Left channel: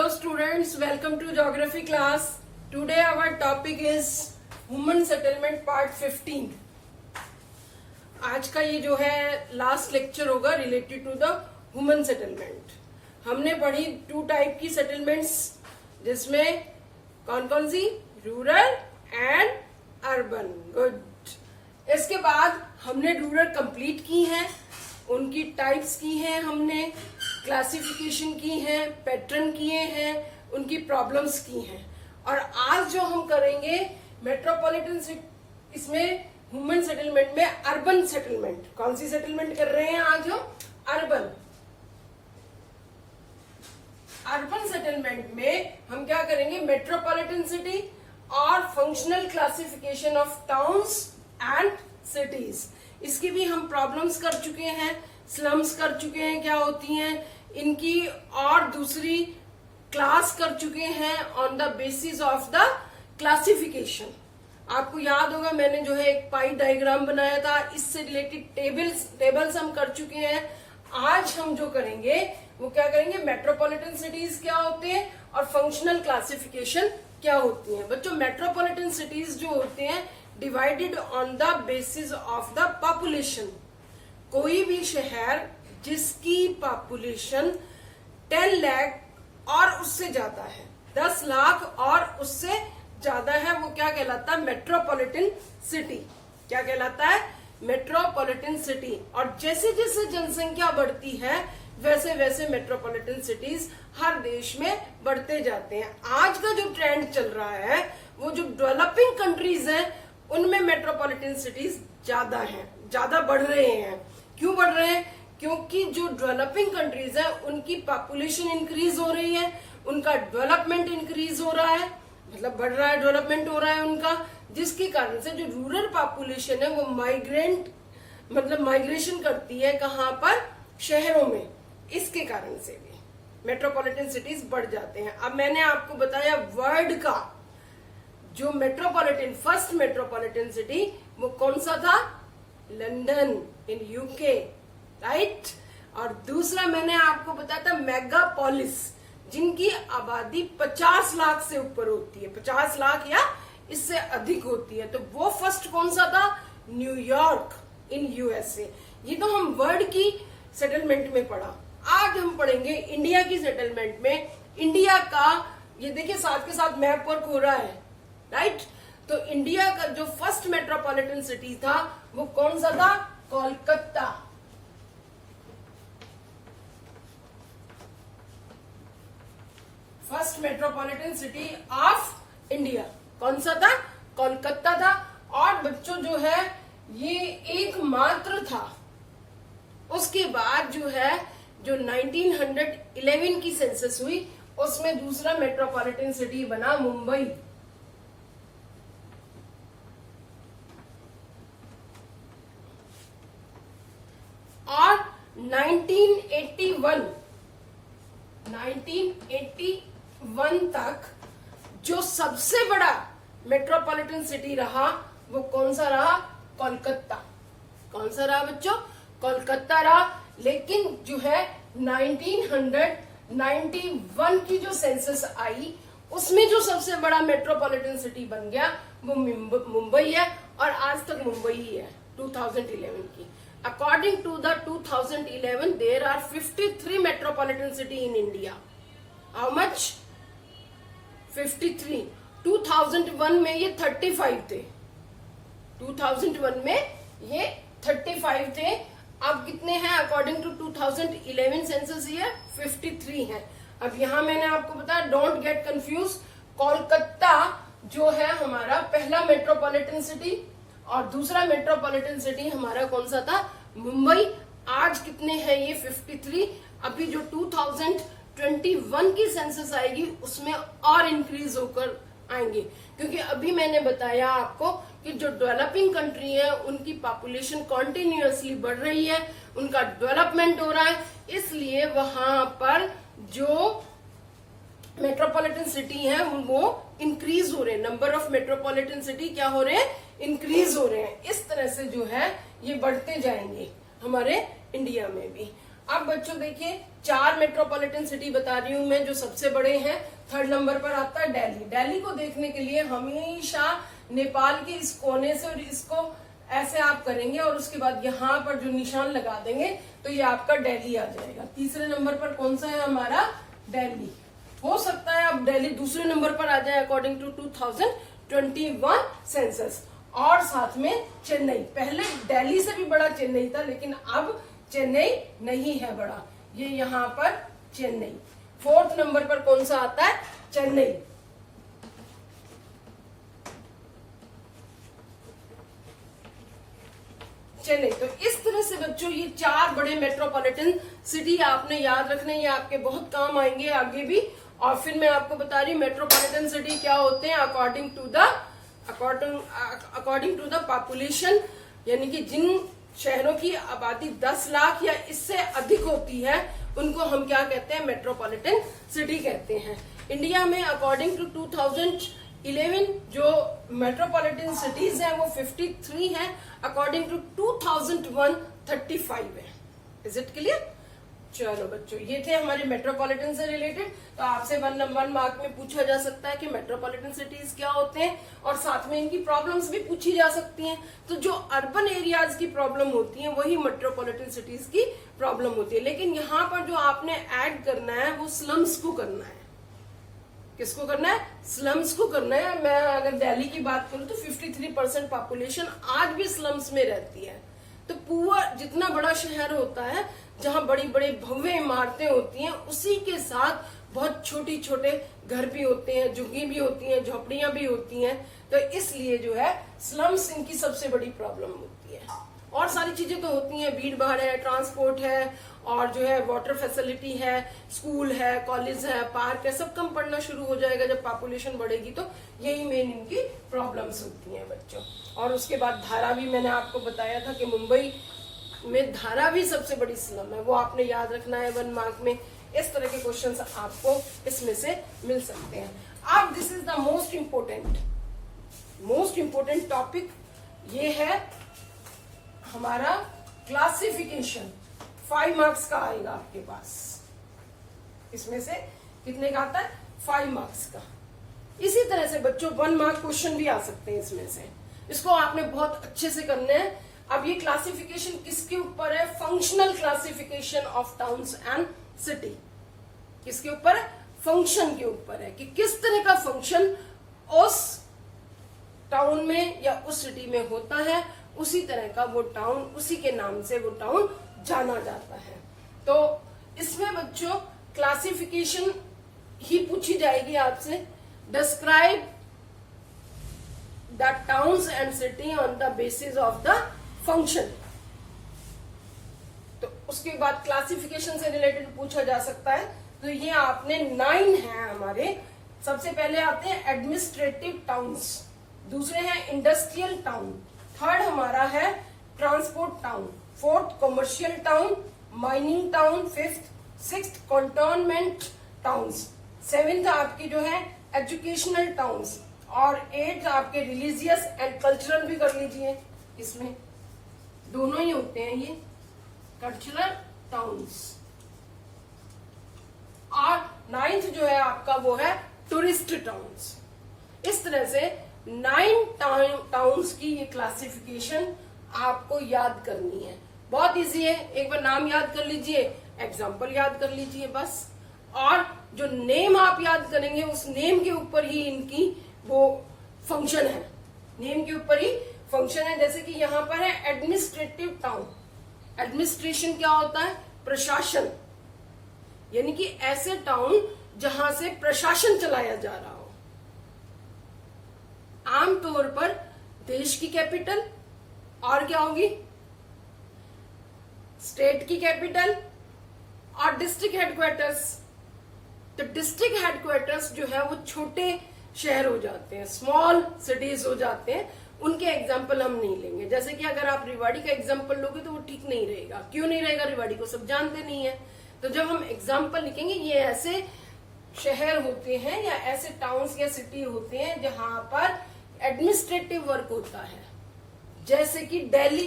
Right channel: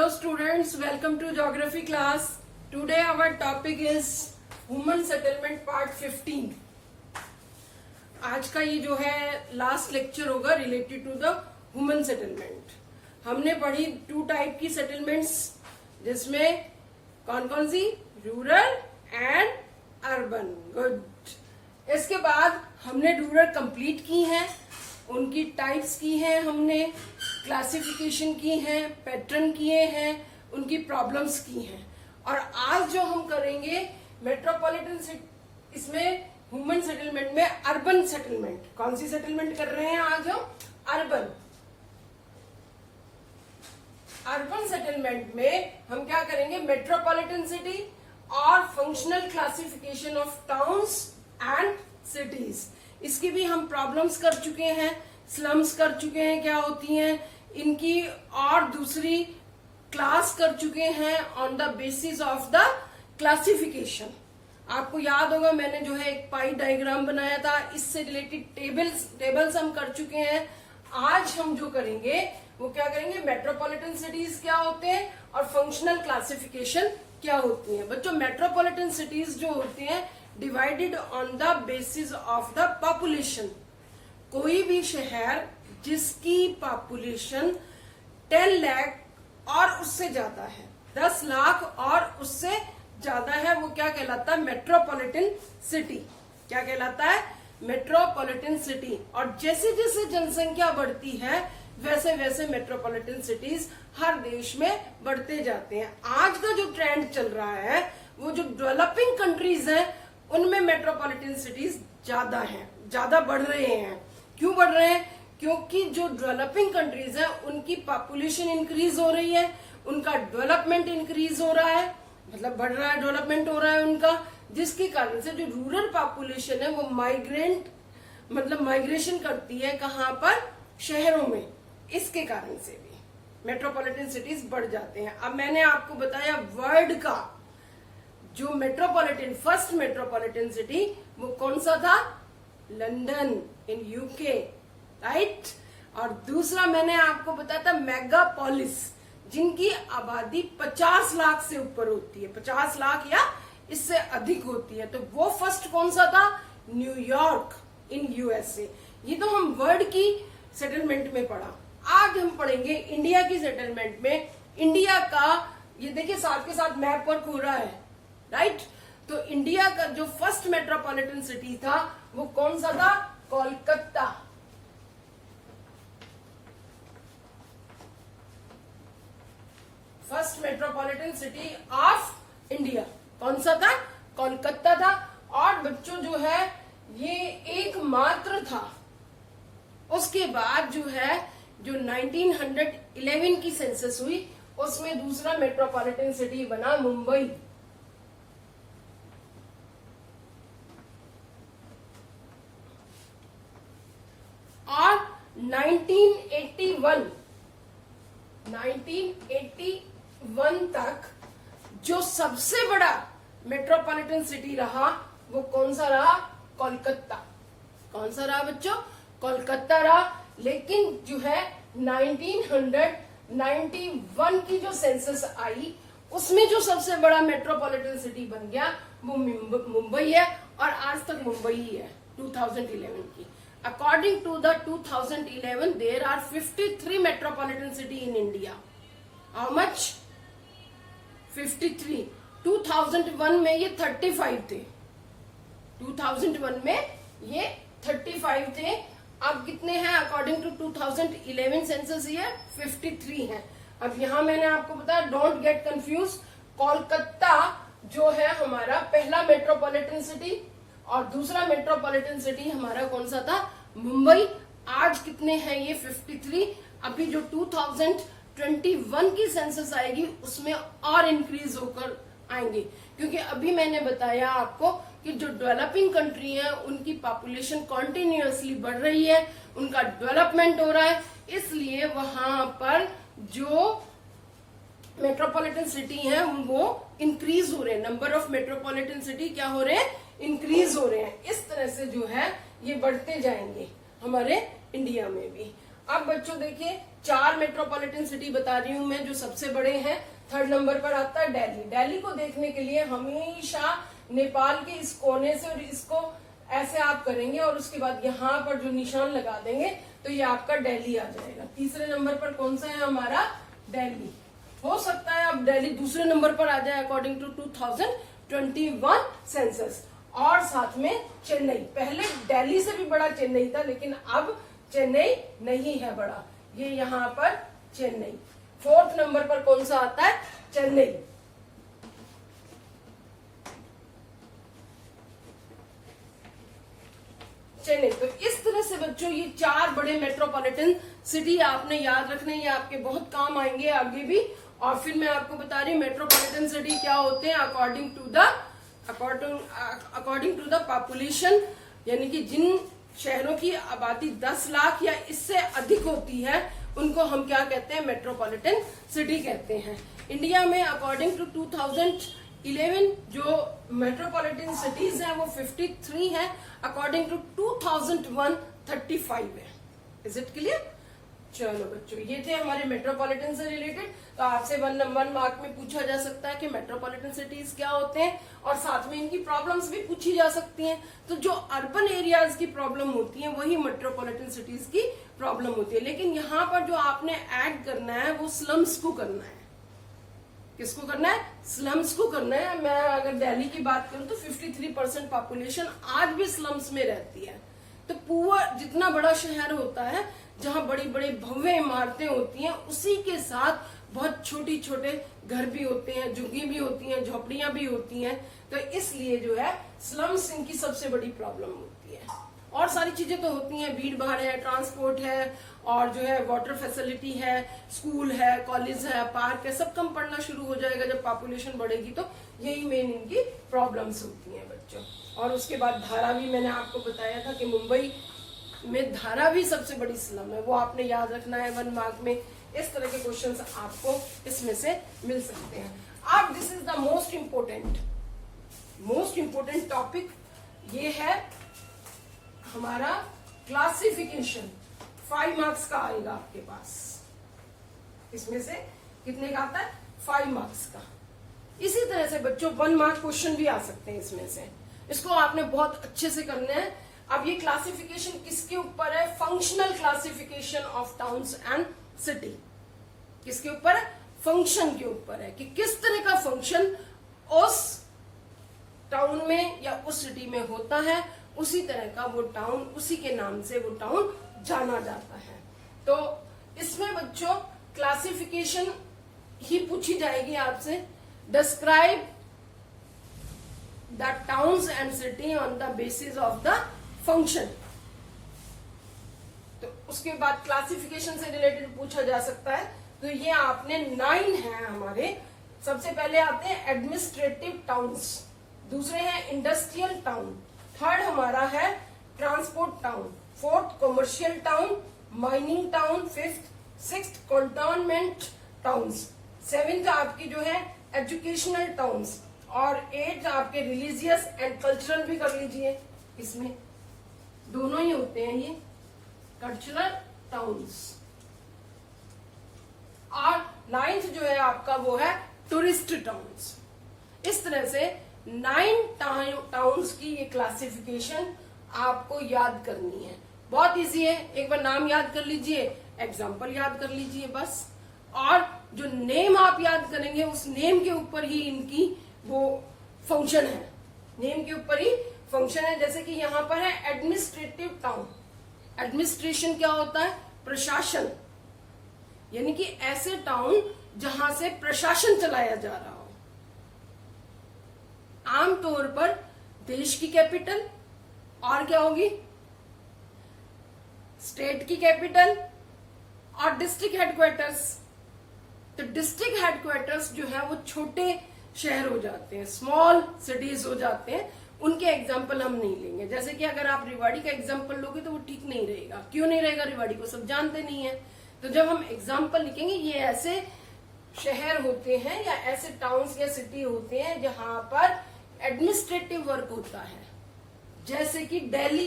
Hello students, welcome to geography class. Today our topic is women settlement part 15. आज का ये जो है लास्ट लेक्चर होगा related to the women settlement. हमने पढ़ी 2 टाइप की सेटलमेंट्स, जिसमें कौन कौन सी? Rural and urban. गुड. इसके बाद हमने रूरल कंप्लीट की है, उनकी टाइप्स की हैं, हमने क्लासिफिकेशन की है, पैटर्न किए हैं, उनकी प्रॉब्लम्स की हैं. और आज जो हम करेंगे मेट्रोपॉलिटन, इसमें वुमेन सेटलमेंट में अर्बन सेटलमेंट. कौन सी सेटलमेंट कर रहे हैं आज हम? अर्बन. अर्बन सेटलमेंट में हम क्या करेंगे? मेट्रोपॉलिटन सिटी और functional classification of towns and cities. इसकी भी हम प्रॉब्लम्स कर चुके हैं, स्लम्स कर चुके हैं क्या होती हैं इनकी, और दूसरी क्लास कर चुके हैं on the basis of the classification. आपको याद होगा मैंने जो है एक पाई डायग्राम बनाया था, इससे रिलेटेड टेबल्स हम कर चुके हैं. आज हम जो करेंगे वो क्या करेंगे? मेट्रोपॉलिटन सिटीज क्या होते हैं और फंक्शनल क्लासिफिकेशन क्या होती है. बच्चों, मेट्रोपॉलिटन सिटीज जो होते हैं divided on the basis of the population. कोई भी शहर जिसकी पॉपुलेशन 10 लाख और उससे ज्यादा है, 10 लाख और उससे ज्यादा है, वो क्या कहलाता है? Metropolitan city. क्या कहलाता है? Metropolitan city. और जैसे जैसे जनसंख्या बढ़ती है वैसे वैसे मेट्रोपॉलिटन सिटीज हर देश में बढ़ते जाते हैं. आज का जो ट्रेंड चल रहा है वो जो डेवलपिंग कंट्रीज हैं उनमें मेट्रोपॉलिटन सिटीज ज्यादा हैं, ज्यादा बढ़ रहे हैं. क्यों बढ़ रहे हैं? क्योंकि जो डेवलपिंग कंट्रीज हैं उनकी पॉपुलेशन इंक्रीज हो रही है, उनका डेवलपमेंट इंक्रीज हो रहा है, मतलब बढ़ रहा है, डेवलपमेंट हो रहा है उनका, जिसके कारण से जो रूरल पॉपुलेशन है वो माइग्रेशन करती है. कहाँ पर? शहरों में. इसके कारण से भी मेट्रोपॉलिटन सिटीज बढ़ जाते हैं. अब मैंने आपको बताया वर्ल्ड का जो मेट्रोपॉलिटन, फर्स्ट मेट्रोपॉलिटन सिटी वो कौन सा था? London in UK, right. और दूसरा मैंने आपको बताया था मेगापोलिस, जिनकी आबादी 50 लाख से ऊपर होती है, 50 लाख या इससे अधिक होती है. तो वो फर्स्ट कौन सा था? New York in USA. ये तो हम वर्ल्ड की सेटलमेंट में पढ़ा. आज हम पढ़ेंगे इंडिया की सेटलमेंट में. इंडिया का ये देखिए साथ के साथ मैप वर्क हो रहा है, राइट. तो इंडिया का जो फर्स्ट मेट्रोपॉलिटन सिटी था वो कौन सा था? Kolkata. First metropolitan city of India कौन सा था? कोलकाता था. और बच्चों जो है ये एकमात्र था. उसके बाद जो है जो 1911 की सेंसस हुई उसमें दूसरा मेट्रोपॉलिटन सिटी बना मुंबई. और 1981 तक जो सबसे बड़ा मेट्रोपॉलिटन सिटी रहा वो कौन सा रहा? कोलकाता. कौन सा रहा बच्चों? कोलकाता रहा. लेकिन जो है 1991 की जो सेंसस आई उसमें जो सबसे बड़ा मेट्रोपॉलिटन सिटी बन गया वो मुंबई है. और आज तक मुंबई ही है 2011 की. According to the 2011, there are 53 metropolitan city in India. How much? 53. 2001 में ये 35 थे. 2001 में ये 35 थे. अब कितने हैं? According to 2011 census ये 53 हैं. अब यहाँ मैंने आपको बताया, डोंट गेट कंफ्यूज. कोलकाता जो है हमारा पहला मेट्रोपॉलिटन सिटी और दूसरा मेट्रोपॉलिटन सिटी हमारा कौन सा था? मुंबई. आज कितने हैं ये? 53. अभी जो 2021 की सेंसस आएगी उसमें और इंक्रीज होकर आएंगे, क्योंकि अभी मैंने बताया आपको कि जो डेवलपिंग कंट्री है उनकी पॉपुलेशन कॉन्टिन्यूअसली बढ़ रही है, उनका डेवलपमेंट हो रहा है, इसलिए वहां पर जो मेट्रोपॉलिटन सिटी है वो इंक्रीज हो रहे हैं. नंबर ऑफ मेट्रोपॉलिटन सिटी क्या हो रहे हैं? इंक्रीज हो रहे हैं. इस तरह से जो है ये बढ़ते जाएंगे हमारे इंडिया में भी. अब बच्चों देखिए 4 मेट्रोपॉलिटन सिटी बता रही हूं मैं जो सबसे बड़े हैं। 3rd नंबर पर आता है दिल्ली। दिल्ली को देखने के लिए हमेशा नेपाल के इस कोने से और इसको ऐसे आप करेंगे और उसके बाद यहाँ पर जो निशान लगा देंगे तो ये आपका दिल्ली आ जाएगा। 3रे नंबर पर कौन सा है हमारा? दिल्ली। हो सकता है अब दिल्ली 2रे नंबर पर आ जाए अकॉर्डिंग टू 2021 सेंसस। और साथ में चेन्नई। पहले दिल्ली से भी बड़ा चेन्नई था, लेकिन अब चेन्नई नहीं है बड़ा, ये यहाँ पर चेन्नई। 4th नंबर पर कौन सा आता है? चेन्नई। चेन्नई। तो इस तरह से बच्चों ये 4 बड़े मेट्रोपॉलिटन सिटी आपने याद रखने, ये आपके बहुत काम आएंगे आगे भी। और फिर मैं आपको बता रही हूँ मेट्रोपॉलिटन सिटी क्या होते हैं अकॉर्डिंग टू द पॉपुलेशन, यानी कि जिन शहरों की आबादी 10 लाख या इससे अधिक होती है उनको हम क्या कहते हैं? मेट्रोपॉलिटन सिटी कहते हैं। इंडिया में अकॉर्डिंग टू 2011 जो मेट्रोपॉलिटन सिटीज है वो 53 है, अकॉर्डिंग टू 2001 35 है। Is it clear? चलो बच्चों, ये थे हमारे मेट्रोपॉलिटन से रिलेटेड। तो आपसे 1 मार्क में पूछा जा सकता है कि मेट्रोपॉलिटन सिटीज क्या होते हैं और साथ में इनकी प्रॉब्लम्स भी पूछी जा सकती हैं। तो जो अर्बन एरियाज की प्रॉब्लम होती है वही मेट्रोपॉलिटन सिटीज की प्रॉब्लम होती है। लेकिन यहाँ पर जो आपने ऐड करना है वो स्लम्स को करना है। किसको करना है? स्लम्स को करना है। मैं अगर दिल्ली की बात करूं तो 53% पॉपुलेशन आज भी स्लम्स में रहती है। तो पूरा जितना बड़ा शहर होता है जहां बड़ी बड़ी भव्य इमारतें होती हैं, उसी के साथ बहुत छोटी छोटे घर भी होते हैं, झुग्गी भी होती हैं, झोपड़ियां भी होती हैं। तो इसलिए जो है स्लम्स इनकी सबसे बड़ी प्रॉब्लम होती है। और सारी चीजें तो होती हैं, भीड़ भाड़ है, ट्रांसपोर्ट है, और जो है वाटर फैसिलिटी है, स्कूल है, कॉलेज है, पार्क है, सब कम पड़ना शुरू हो जाएगा जब पॉपुलेशन बढ़ेगी। तो यही मेन इनकी प्रॉब्लम्स होती हैं बच्चों। और उसके बाद धारावी मैंने आपको बताया था कि मुंबई में धारावी सबसे बड़ी स्लम है, वो आपने याद रखना है 1 मार्क में। इस तरह के क्वेश्चंस आपको इसमें से मिल सकते हैं। अब this is the most important topic, ये है हमारा क्लासिफिकेशन। 5 मार्क्स का आएगा आपके पास। इसमें से कितने का आता है? 5 मार्क्स का। इसी तरह से बच्चों 1 मार्क क्वेश्चन भी आ सकते हैं इसमें से। इसको आपने बहुत अच्छे से करना है। अब ये क्लासिफिकेशन किसके ऊपर है? Functional classification of towns and city. किसके ऊपर है? फंक्शन के ऊपर है कि किस तरह का फंक्शन उस टाउन में या उस सिटी में होता है, उसी तरह का वो टाउन, उसी के नाम से वो टाउन जाना जाता है। तो इसमें बच्चों क्लासिफिकेशन ही पूछी जाएगी आपसे। Describe the towns and city on the basis of the function. तो उसके बाद क्लासिफिकेशन से रिलेटेड पूछा जा सकता है। तो ये आपने 9 है हमारे। सबसे पहले आते हैं एडमिनिस्ट्रेटिव टाउन्स, दूसरे हैं इंडस्ट्रियल टाउन, 3rd हमारा है transport town, 4th commercial town, mining town, 5th 6th cantonment towns, 7th आपकी जो है एजुकेशनल टाउन्स, और 8th आपके रिलीजियस एंड कल्चरल भी कर लीजिए। इसमें दोनों ही होते हैं ये कल्चरल टाउन्स। और 9th जो है आपका वो है टूरिस्ट टाउन्स। इस तरह से 9 टाउन्स की ये क्लासिफिकेशन आपको याद करनी है। बहुत इजी है, एक बार नाम याद कर लीजिए, एग्जाम्पल याद कर लीजिए बस। और जो नेम आप याद करेंगे उस नेम के ऊपर ही इनकी वो फंक्शन है, नेम के ऊपर ही फंक्शन है। जैसे कि यहाँ पर है एडमिनिस्ट्रेटिव टाउन। एडमिनिस्ट्रेशन क्या होता है? प्रशासन, यानी कि ऐसे टाउन जहां से प्रशासन चलाया जा रहा हो। आमतौर पर देश की कैपिटल और क्या होगी? स्टेट की कैपिटल और डिस्ट्रिक्ट हेडक्वार्टर्स। तो डिस्ट्रिक्ट हेडक्वार्टर्स जो है वो छोटे शहर हो जाते हैं, स्मॉल सिटीज हो जाते हैं। उनके एग्जाम्पल हम नहीं लेंगे। जैसे कि अगर आप रेवाड़ी का एग्जाम्पल लोगे तो वो ठीक नहीं रहेगा। क्यों नहीं रहेगा? रेवाड़ी को सब जानते नहीं है। तो जब हम एग्जाम्पल लिखेंगे, ये ऐसे शहर होते हैं या ऐसे टाउन्स या सिटी होते हैं जहां पर एडमिनिस्ट्रेटिव वर्क होता है, जैसे कि दिल्ली,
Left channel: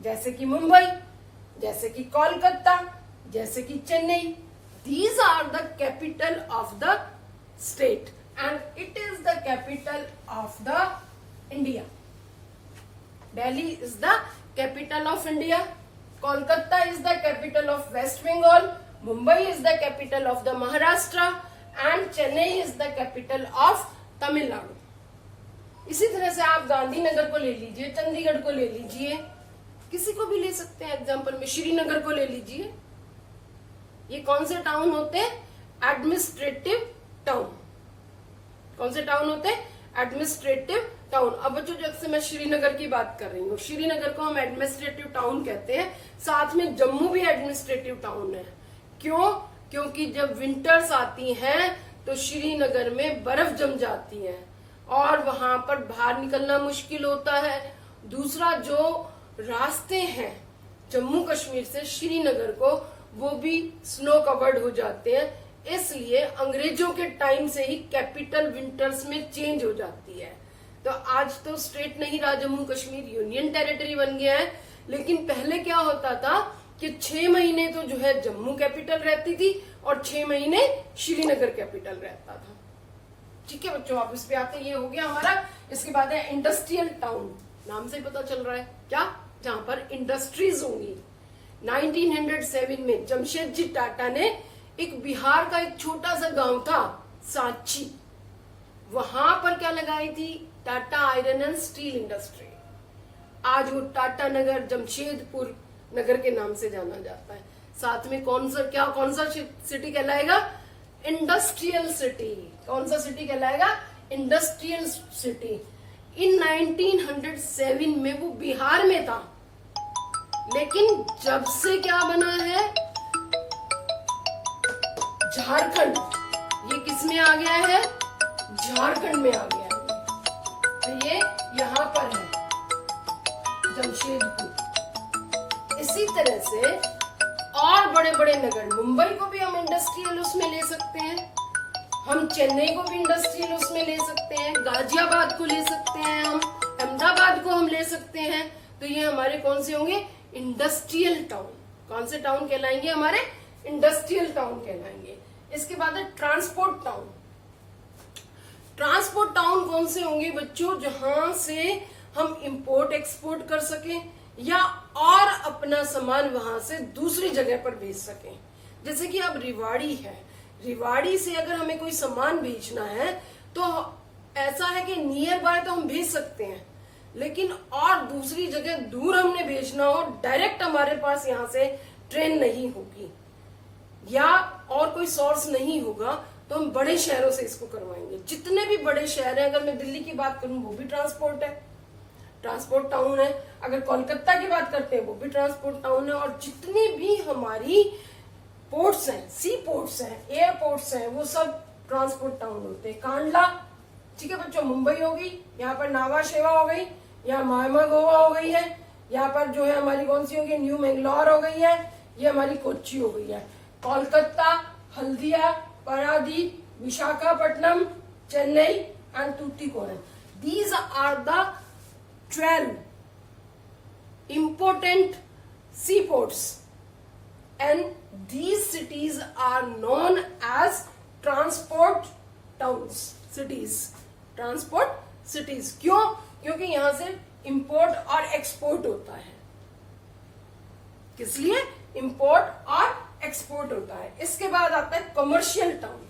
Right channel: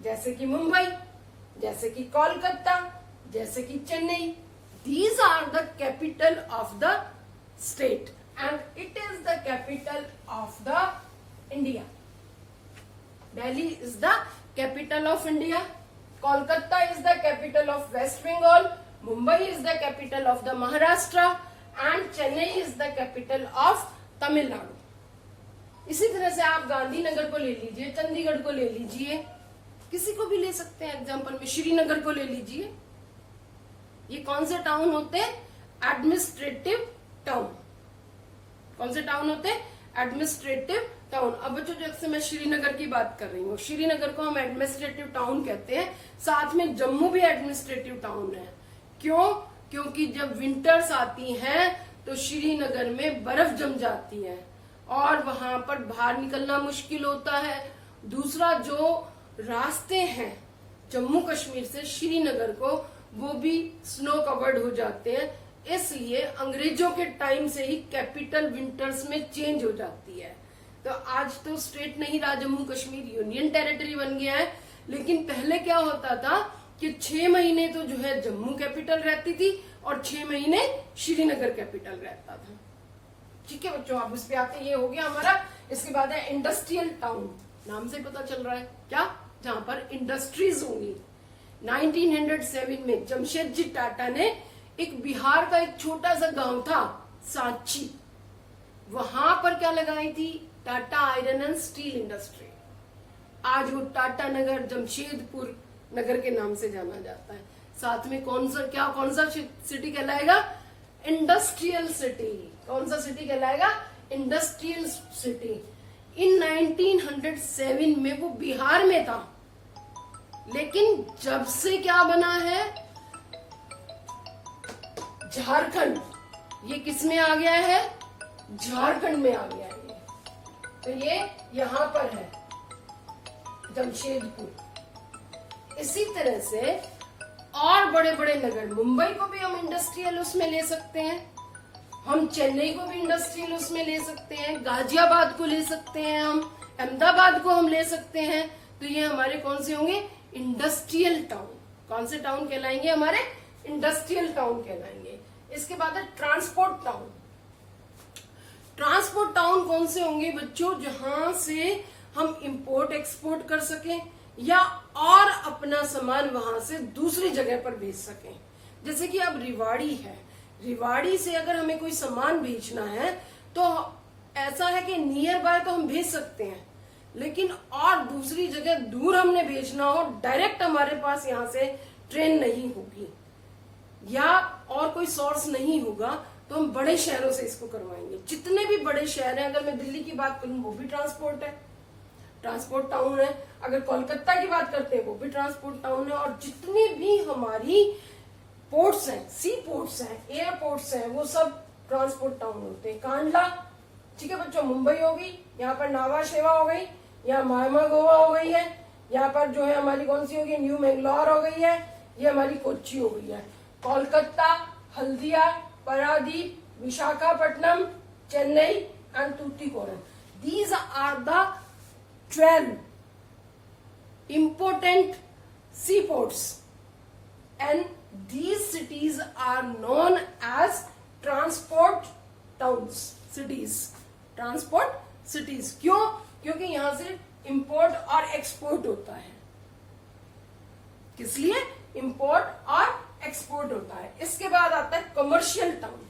जैसे कि मुंबई, जैसे कि कोलकाता, जैसे कि Chennai. These are the capital of the state and it is the capital of the India. Delhi is the capital of India, Kolkata is the capital of West Bengal, Mumbai is the capital of the Maharashtra and Chennai is the capital of Tamil Nadu. इसी तरह से आप गांधीनगर को ले लीजिए, चंडीगढ़ को ले लीजिए, किसी को भी ले सकते हैं एग्जाम्पल में, श्रीनगर को ले लीजिए। ये कौन से टाउन होते हैं? Administrative town. कौन से टाउन होते हैं? Administrative town. अब बच्चों जैसे मैं श्रीनगर की बात कर रही हूँ, श्रीनगर को हम एडमिनिस्ट्रेटिव टाउन कहते हैं। साथ में जम्मू भी एडमिनिस्ट्रेटिव टाउन है। क्यों? क्योंकि जब विंटर्स आती हैं तो श्रीनगर में बर्फ जम जाती है और वहां पर बाहर निकलना मुश्किल होता है। दूसरा, जो रास्ते हैं जम्मू कश्मीर से श्रीनगर को, वो भी स्नो कवर्ड हो जाते हैं। इसलिए अंग्रेजों के टाइम से ही कैपिटल विंटर्स में चेंज हो जाती है। तो आज तो स्टेट नहीं रहा जम्मू कश्मीर, यूनियन टेरिटरी बन गया है। लेकिन पहले क्या होता था कि 6 महीने तो जो है जम्मू कैपिटल रहती थी और 6 महीने श्रीनगर कैपिटल रहता था। ठीक है बच्चों, आप इस पे आते, ये हो गया हमारा। इसके बाद है इंडस्ट्रियल टाउन। नाम से पता चल रहा है क्या? जहां पर इंडस्ट्रीज होंगी। 1907 में जमशेदजी टाटा ने एक बिहार का एक छोटा सा गांव था सांची, वहां पर क्या लगाई थी? Tata iron and steel industry. आज वो टाटा नगर, जमशेदपुर नगर के नाम से जाना जाता है। साथ में कौन सा सिटी कहलाएगा? Industrial city. कौन सा सिटी कहलाएगा? Industrial city. इन 1907 में वो बिहार में था, लेकिन जब से क्या बना है? झारखंड। ये किसमें आ गया है? झारखंड में आ गया है। तो ये यहां पर है जमशेदपुर। इसी तरह से और बड़े बड़े नगर, मुंबई को भी हम इंडस्ट्रियल उसमें ले सकते हैं, हम चेन्नई को भी इंडस्ट्रियल उसमें ले सकते हैं, गाजियाबाद को ले सकते हैं, हम अहमदाबाद को हम ले सकते हैं। तो ये हमारे कौन से होंगे? Industrial town. कौन से टाउन कहलाएंगे? हमारे इंडस्ट्रियल टाउन कहलाएंगे। इसके बाद है ट्रांसपोर्ट टाउन। ट्रांसपोर्ट टाउन कौन से होंगे बच्चों? जहां से हम इंपोर्ट एक्सपोर्ट कर सकें या और अपना सामान वहां से दूसरी जगह पर भेज सकें। जैसे कि अब रिवाड़ी है, रिवाड़ी से अगर हमें कोई सामान भेजना है तो ऐसा है कि नियर बाय तो हम भेज सकते हैं, लेकिन और दूसरी जगह दूर हमने भेजना हो, डायरेक्ट हमारे पास यहाँ से ट्रेन नहीं होगी या और कोई सोर्स नहीं होगा, तो हम बड़े शहरों से इसको करवाएंगे। जितने भी बड़े शहर हैं, अगर मैं दिल्ली की बात करूं वो भी ट्रांसपोर्ट है, ट्रांसपोर्ट टाउन है। अगर कोलकाता की बात करते हैं वो भी ट्रांसपोर्ट टाउन है। और जितनी भी हमारी पोर्ट्स हैं, सी पोर्ट्स हैं, एयरपोर्ट्स हैं, वो सब ट्रांसपोर्ट टाउन होते हैं। कांडला, ठीक है बच्चों, मुंबई हो गई, यहाँ पर नावा शेवा हो गई, यहाँ मायमा गोवा हो गई है, यहाँ पर जो है हमारी कौन सी होगी? न्यू मैंगलोर हो गई है, ये हमारी कोच्चि हो गई है। Kolkata, Haldia, Paradip, Visakhapatnam, Chennai and Tuticorin. These are the 12 important seaports and these cities are known as transport towns, cities, transport cities। क्यों? क्योंकि यहां से इंपोर्ट और एक्सपोर्ट होता है। किस लिए? इंपोर्ट और एक्सपोर्ट होता है। इसके बाद आता है कमर्शियल टाउन।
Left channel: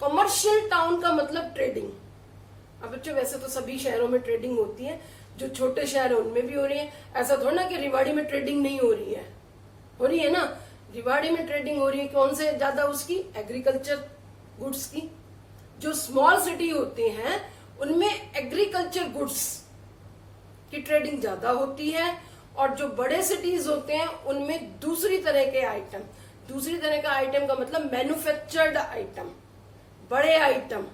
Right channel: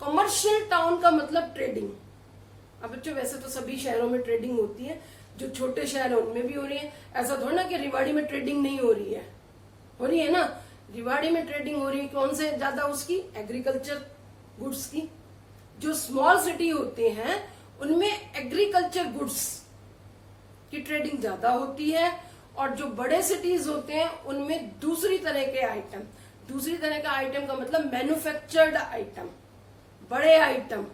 कमर्शियल टाउन का मतलब ट्रेडिंग। अब बच्चों वैसे तो सभी शहरों में ट्रेडिंग होती है, जो छोटे शहर है उनमें भी हो रही है। ऐसा थोड़ा ना कि रिवाड़ी में ट्रेडिंग नहीं हो रही है, हो रही है ना। रिवाड़ी में ट्रेडिंग हो रही है। कौन से ज्यादा? उसकी एग्रीकल्चर गुड्स की। जो स्मॉल सिटी होते हैं उनमें एग्रीकल्चर गुड्स की ट्रेडिंग ज्यादा होती है, और जो बड़े सिटीज होते हैं उनमें दूसरी तरह के आइटम। दूसरी तरह का आइटम का मतलब मैन्युफैक्चर्ड आइटम, बड़े आइटम,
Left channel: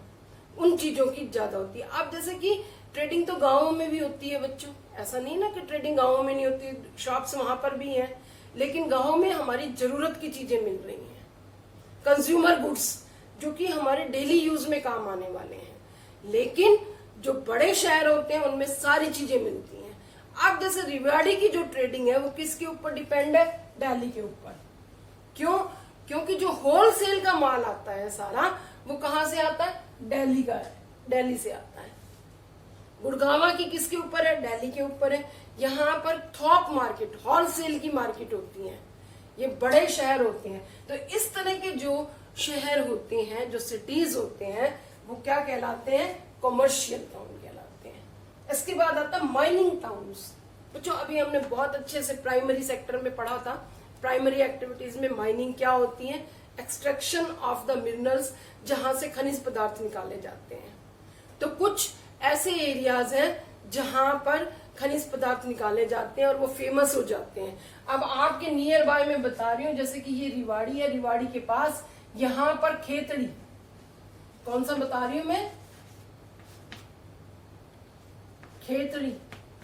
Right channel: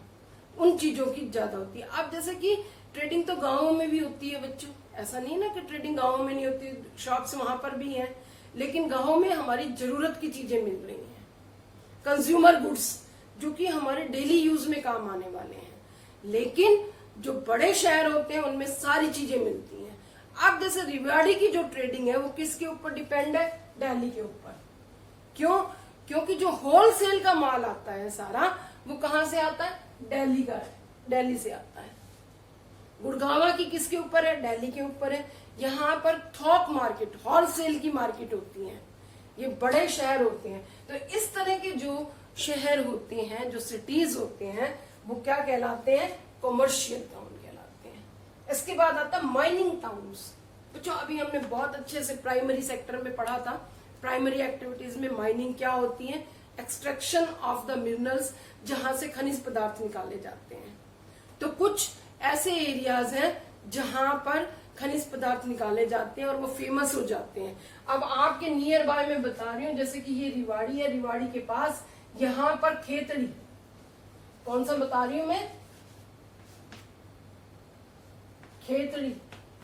उन चीजों की ज्यादा होती है। अब जैसे कि ट्रेडिंग तो गांवों में भी होती है बच्चों, ऐसा नहीं ना कि ट्रेडिंग गांवों में नहीं होती, शॉप्स वहां पर भी हैं, लेकिन गांवों में हमारी जरूरत की चीजें मिल रही हैं, कंज्यूमर गुड्स, जो कि हमारे डेली यूज में काम आने वाले हैं। लेकिन जो बड़े शहर होते हैं उनमें सारी चीजें मिलती हैं। अब जैसे रिवाड़ी की जो ट्रेडिंग है वो किसके ऊपर डिपेंड है? दिल्ली के ऊपर। क्यों? क्योंकि जो होलसेल का माल आता है सारा, वो कहां से आता है? दिल्ली का है, दिल्ली से आता है। गुड़गावा की किसके ऊपर है? दिल्ली के ऊपर है। यहाँ पर थोक मार्केट, होलसेल की मार्केट होती है, ये बड़े शहर होते हैं। तो इस तरह के जो शहर होते हैं, जो सिटीज होते हैं, वो क्या कहलाते हैं? कॉमर्शियल टाउन कहलाते हैं। इसके बाद आता है माइनिंग टाउन्स। बच्चों अभी हमने बहुत अच्छे से प्राइमरी सेक्टर में पढ़ा था, प्राइमरी एक्टिविटीज में माइनिंग क्या होती है? एक्सट्रैक्शन ऑफ द मिनरल्स, जहां से खनिज पदार्थ निकाले जाते हैं। तो कुछ ऐसे एरियाज हैं जहां पर खनिज पदार्थ निकाले जाते हैं और वो फेमस हो जाते हैं। अब आपके नियर बाय में बता रही हूँ, जैसे कि ये रिवाड़ी है, रिवाड़ी के पास यहाँ पर खेतड़ी, कौन सा बता रही हूं मैं? खेतड़ी।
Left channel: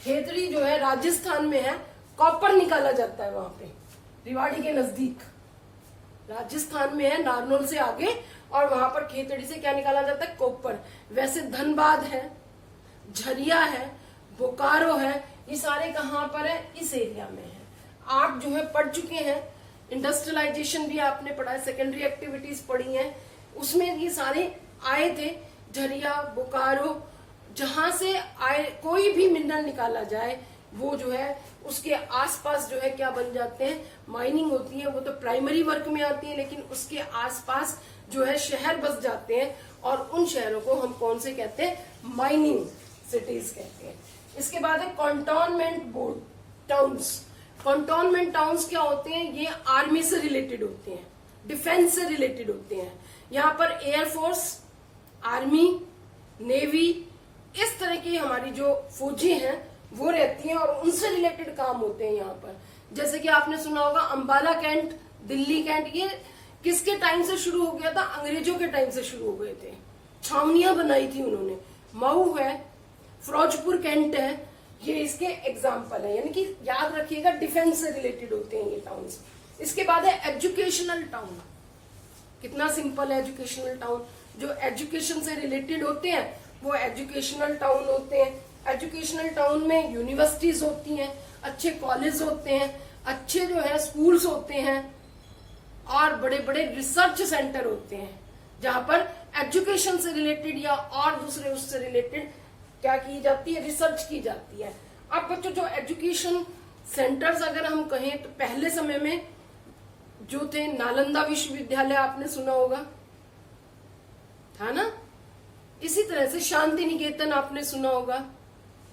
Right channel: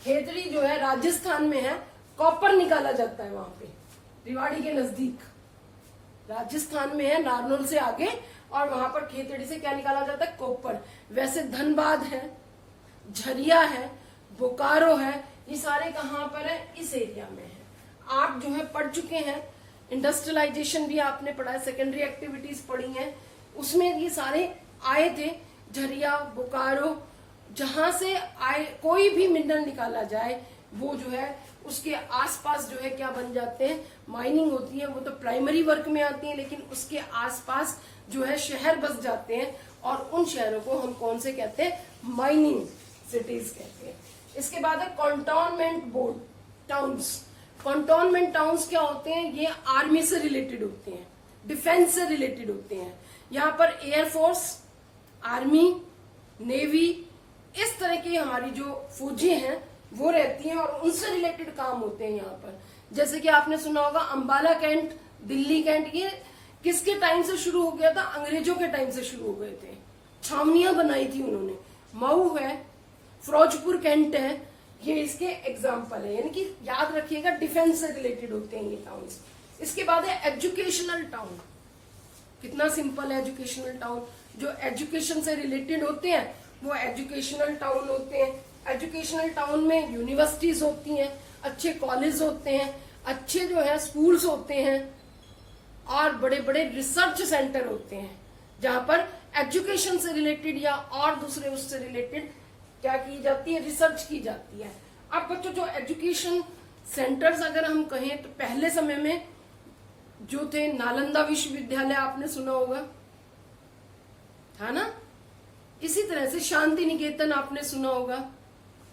खेतड़ी जो है राजस्थान में है, कॉपर निकाला जाता है वहां पे, रिवाड़ी के नजदीक, राजस्थान में है, नारनौल से आगे, और वहां पर खेतड़ी से क्या निकाला जाता है? कॉपर। वैसे धनबाद है, झरिया है, बोकारो है, ये सारे कहां पर है? इस एरिया में है। आप जो है पढ़ चुके हैं, इंडस्ट्रियलाइजेशन भी आपने पढ़ा है, सेकेंडरी एक्टिविटीज पढ़ी हैं, उसमें ये सारे आए थे। झरिया, बोकारो, जहां से आए कोई भी मिनरल निकाला जाए, वो जो है उसके आसपास जो है क्या बन जाते हैं? माइनिंग होती है। वो तो प्राइमरी वर्क में आती है, लेकिन उसके आसपास जो है शहर बस जाते हैं, और उन शहरों को हम कौन से कहते हैं? माइनिंग सिटीज कहते हैं। इसके बाद है cantonment board towns. Cantonment towns क्या होते हैं? ये आर्मी से रिलेटेड होते हैं, डिफेंस से रिलेटेड होते हैं। यहाँ पर एयरफोर्स, आर्मी, नेवी, इस तरह की हमारी जो फौजी हैं वो रहती हैं, और उनसे रिलेटेड काम होते हैं यहाँ पर। जैसे कि आपने सुना होगा अंबाला कैंट, दिल्ली कैंट, ये किसके टाइम से शुरू हो गया था? अंग्रेजों के टाइम से शुरू हो गए थे, छावनियां बनाई थी उन्होंने। मऊ है, फिरोजपुर कैंट है, ये इसके एग्जाम्पल है। यानी कि याद रखिएगा, डिफेंस से रिलेटेड होते हैं ये टाउन्स। इसके बाद है एजुकेशनल टाउन। कितना सिंपल है एजुकेशनल टाउन। जो एजुकेशन से रिलेटेड होते हैं वो एजुकेशनल टाउन होते हैं। एजुकेशनल टाउन में यूनिवर्सिटीज होती हैं, अच्छे कॉलेज होते हैं, अच्छे जो है स्कूल्स होते हैं, और बड़े बड़े रिसर्च सेंटर होते हैं, जहां पर एजुकेशन से रिलेटेड या और दूसरे उससे रिलेटेड क्या की जाती है? रिसर्च की जाती है। अब बच्चों जो एजुकेशन सेंटर्स अगर हम कहें तो पहले समय में जो थे, नालंदा विश्वविद्यालय आपने सुना होगा, था ना? इसी तरह से शांति निकेतन आपने सुना होगा,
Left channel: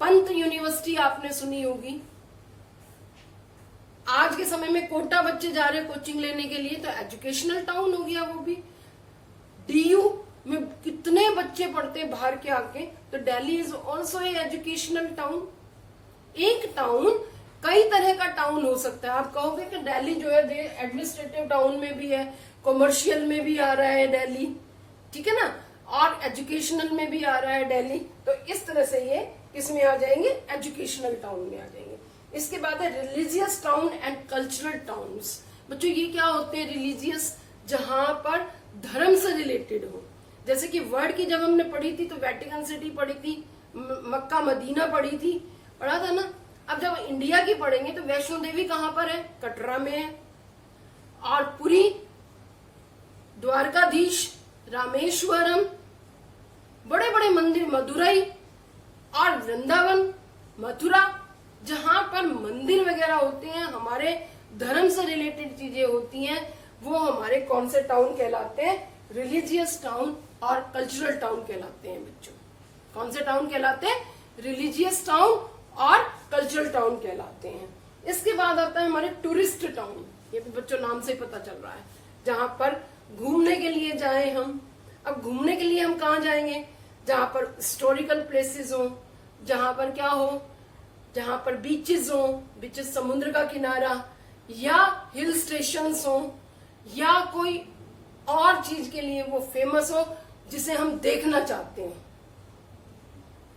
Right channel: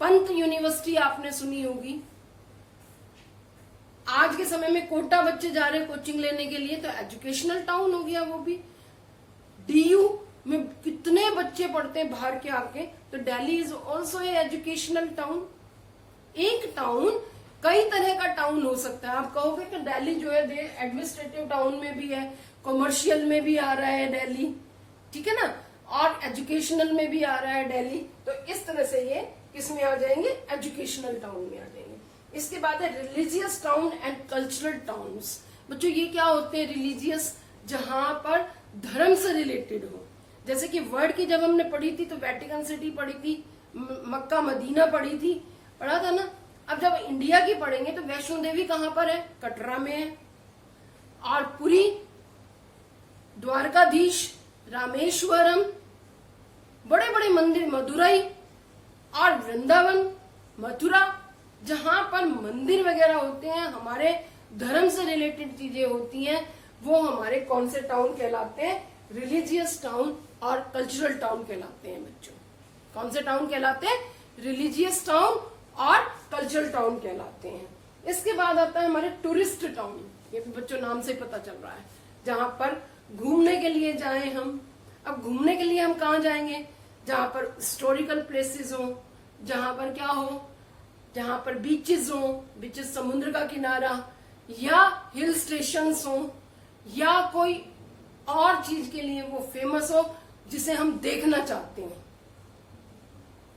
पंत यूनिवर्सिटी आपने सुनी होगी। आज के समय में कोटा बच्चे जा रहे हैं कोचिंग लेने के लिए, तो एजुकेशनल टाउन हो गया वो भी। डीयू में कितने बच्चे पढ़ते हैं बाहर के आके, तो Delhi is also a educational town. एक टाउन कई तरह का टाउन हो सकता है। आप कहोगे कि दिल्ली जो है एडमिनिस्ट्रेटिव टाउन में भी है, कॉमर्शियल में भी आ रहा है दिल्ली, ठीक है ना, और एजुकेशनल में भी आ रहा है दिल्ली। तो इस तरह से ये किसमें आ जाएंगे? एजुकेशनल टाउन में आ जाएंगे। इसके बाद है religious town and cultural towns. बच्चों ये क्या होते हैं? रिलीजियस, जहां पर धर्म से रिलेटेड हो। जैसे कि वर्ड की जब हमने पढ़ी थी तो वेटिकन सिटी पढ़ी थी, मक्का मदीना पढ़ी थी, पढ़ा था ना। अब जब इंडिया की पढ़ेंगे तो वैष्णो देवी कहां पर है? कटरा में है। और पुरी, द्वारकाधीश, रामेश्वरम, बड़े बड़े मंदिर, मदुरई और वृंदावन, मथुरा, जहां पर मंदिर वगैरह होते हैं, हमारे धर्म से रिलेटेड चीजें होती हैं, वो हमारे कौन से टाउन कहलाते हैं? रिलीजियस टाउन और कल्चरल टाउन कहलाते हैं बच्चों। कौन से टाउन कहलाते हैं? रिलीजियस टाउन और कल्चरल टाउन कहलाते हैं। इसके बाद आता है हमारे टूरिस्ट टाउन। ये भी बच्चों नाम से ही पता चल रहा है, जहां पर घूमने के लिए जाए हम। अब घूमने के लिए हम कहाँ जाएंगे? जहां पर हिस्टोरिकल प्लेसेस हो, जहां पर क्या हो? जहां पर बीचेस हो, बीचेस समुद्र का किनारा, या हिल स्टेशंस हो, या कोई और चीज के लिए वो फेमस हो जिसे हम देखना चाहते हैं।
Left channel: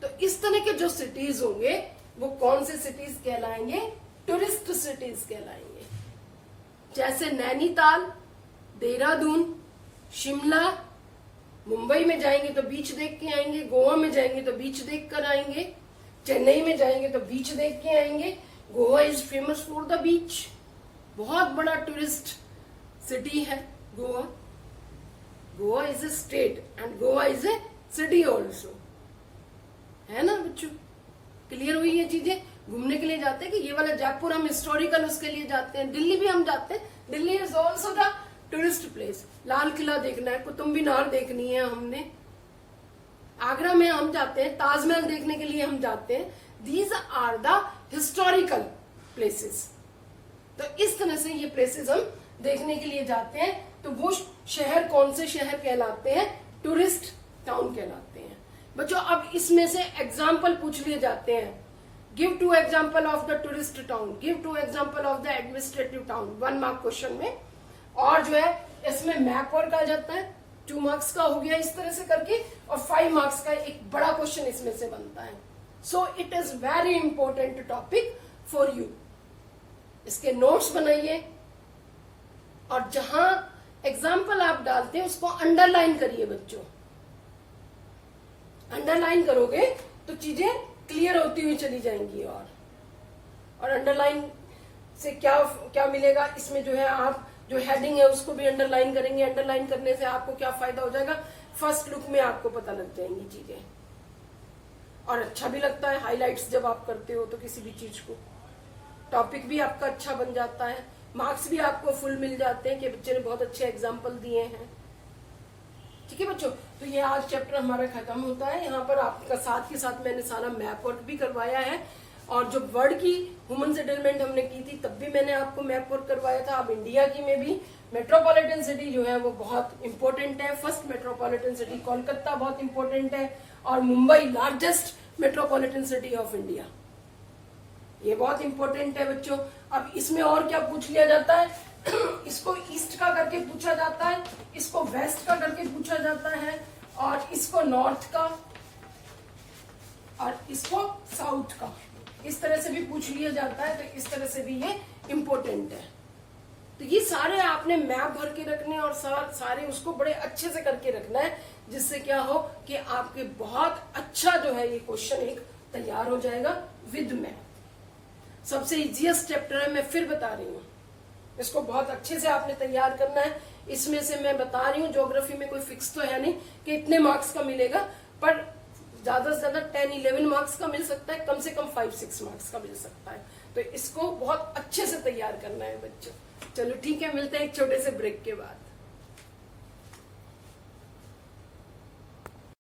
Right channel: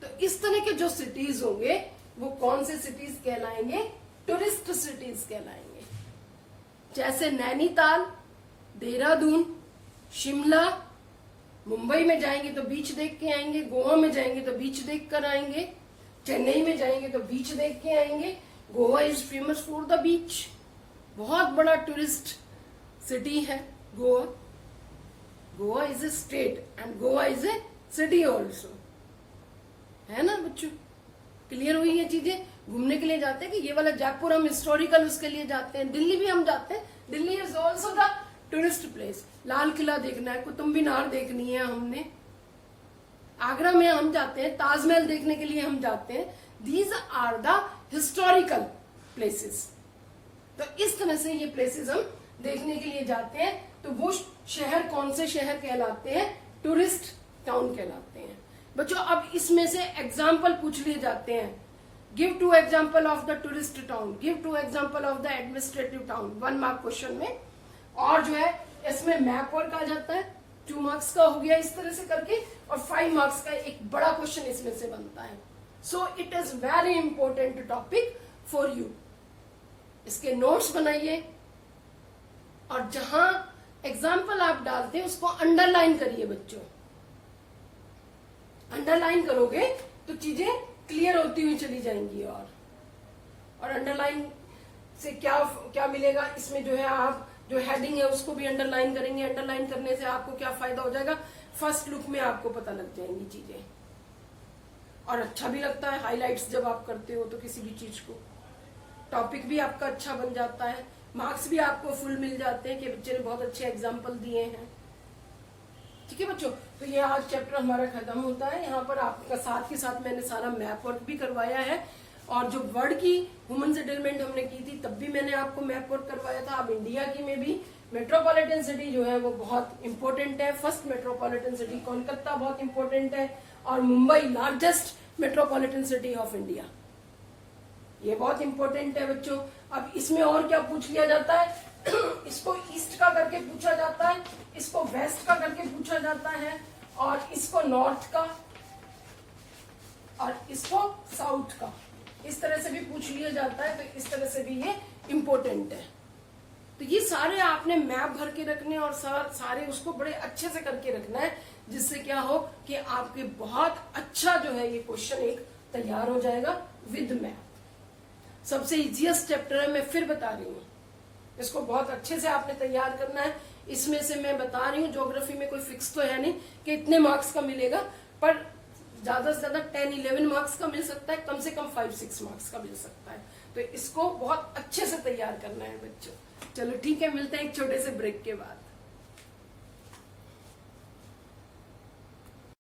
तो इस तरह के जो सिटीज होंगे वो कौन से सिटीज कहलाएंगे? टूरिस्ट सिटीज कहलाएंगे। जैसे नैनीताल, देहरादून, शिमला। मुंबई में जाएंगे तो बीच देख के आएंगे, गोवा में जाएंगे तो बीच देख कर आएंगे, चेन्नई में जाएंगे तो बीच देख के आएंगे। Goa is famous for the beach, बहुत बड़ा टूरिस्ट सिटी है Goa. Goa is a state and Goa is a city also, है ना बच्चों? क्लियर हुई ये चीजें? घूमने के लिए जाते हैं कि ये वाला जयपुर हम हिस्टोरिकल उसके लिए जाते हैं, दिल्ली भी हम जाते हैं, Delhi is also the tourist place. Lal Qila देखना है, कुतुब मीनार देखनी है हमने, आगरा में हम जाते हैं, ताजमहल देखने के लिए हम जाते हैं। These are the historical places. तो इस तरह से ये प्लेसेस हम देखने के लिए जाते हैं। तो वो शहर कौन से शहर कहलाते हैं? टूरिस्ट टाउन कहलाते हैं। बच्चों अब इसमें से एग्जाम्पल पूछ लिए जाते हैं। Give 2 example of the tourist town, give 2 example of the administrative town, 1 mark question में। और जो है इसमें मैप वर्क आ जाता है, 2 मार्क्स का हो गया इस तरह से करके, और 5 मार्क्स का एक बड़ा क्वेश्चन इसमें से बनता है। So it is very important topic for you. इसके नोट्स बनाइए और जहां एग्जाम्पल आप डालते हैं उसको अंडरलाइन करिए बच्चों। अंडरलाइन करोगे तो चीजें क्लियर होती हुई चली जाएंगी। और अंडरलाइन से क्या क्या मिलेगा, इसमें जो है आप जो हेडिंग है उसको भी अंडरलाइन करेंगे। अंडरलाइन करने से आपको क्या फायदा हो जाएगा, फर्स्ट लुक में आपको पता लग जाएंगी चीजें। और अच्छा भी लगता है हाइलाइट्स जब आप करते हो तो किसी भी चीज को, टॉपिक भी आपका अच्छा बन जाता है, मार्क्स भी आपको फुल मिल जाते हैं कि बच्चे ने बहुत अच्छे एग्जाम्पल दिए हैं। ठीक है बच्चों, तो ये आज चैप्टर हमारा खत्म होता है। यहाँ पर आपका साथ के साथ मैंने सारा मैप वर्क भी करवाया है, और जो वर्ड की ह्यूमन सेटलमेंट हमने की थी तब भी मैंने आपको मैप वर्क करवाया था। अब इंडिया की में भी मेट्रोपॉलिटन सिटी जो है वो बहुत इंपॉर्टेंट है। फर्स्ट मेट्रोपॉलिटन सिटी कोलकाता बहुत इंपॉर्टेंट है, और Mumbai largest metropolitan city of India, ये बहुत इंपॉर्टेंट है बच्चों। अब इसमें और क्या पूछ लिया जाता है, इसको ईस्ट का करके पूछा जाता है, इसको वेस्ट का करके पूछा जाता है, और इसको नॉर्थ का, और इसको साउथ का, इस तरह से भी पूछ लिया जाता है। तो इस तरह से भी ये इंपॉर्टेंट है। तो ये सारे आपने मैप भर के रखने और सारे उसको बड़े अच्छे से करके रखना है, जिससे क्या हो कि आपके बहुत अच्छा जो है ये क्वेश्चन एक तैयार हो जाएगा विद मैप। सबसे इजीएस्ट चैप्टर है, मैं फिर बता रही हूँ, इसको बहुत अच्छे से आपने तैयार करना है। इसमें से मैं बता रही हूँ ज्योग्राफी में कोई फिक्स तो है नहीं कि इतने मार्क्स का मिलेगा, पर ज्यादा से ज्यादा 10-11 मार्क्स का मिल सकता है, कम से कम 5-6 मार्क्स का मिल सकता है। तो इसको बहुत अच्छे से तैयार करना है बच्चों। चलो ठीक है, मिलते हैं एक छोटे से ब्रेक के बाद।